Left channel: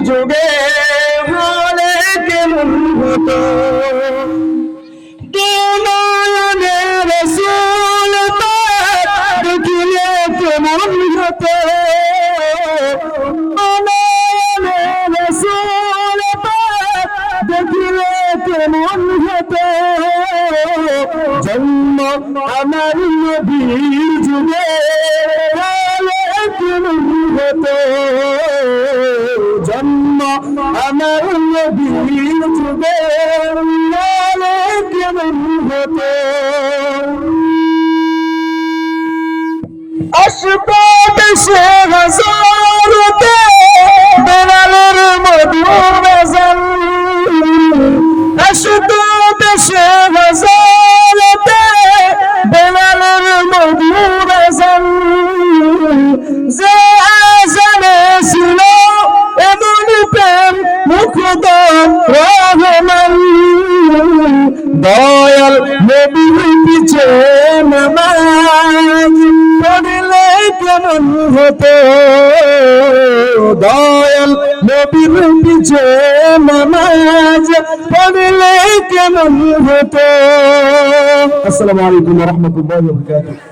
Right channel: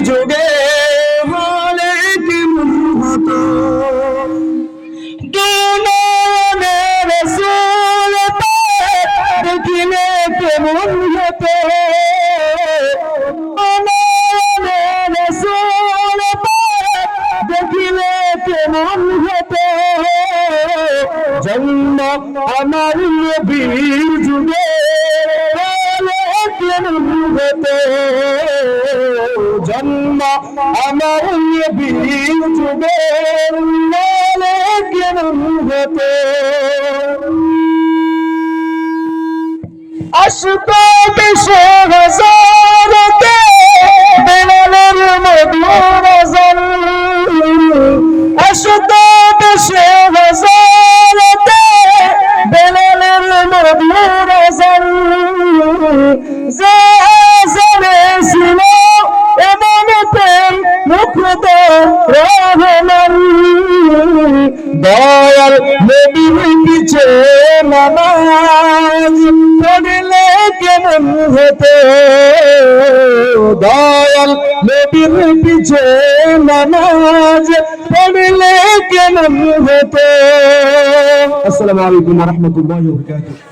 যুগে হলে কেমন হতো রাসূল দেখিলে কেমন হতো রাসূল দেখিলে কেমন হতো জন্ম আমার নবীর যুগে হলে কেমন হতো জন্ম আমার নবীর যুগে হলে কেমন হতো আসতো দেশে হাজারতে বেলালের মধুর আযান আসতো দেশে হাজারতে বেলালের মধুর আযান যে আযানে ছিল এমন প্রেম মুগ্ধ রহমান দয়াল নবীর পিছে নামাজ পড়লে কেমন হতো দয়াল নবীর পিছে নামাজ পড়লে কেমন হতো আসসালামু আলাইকুম ওয়া রাহমাতুল্লাহি ওয়া বারাকাতুহু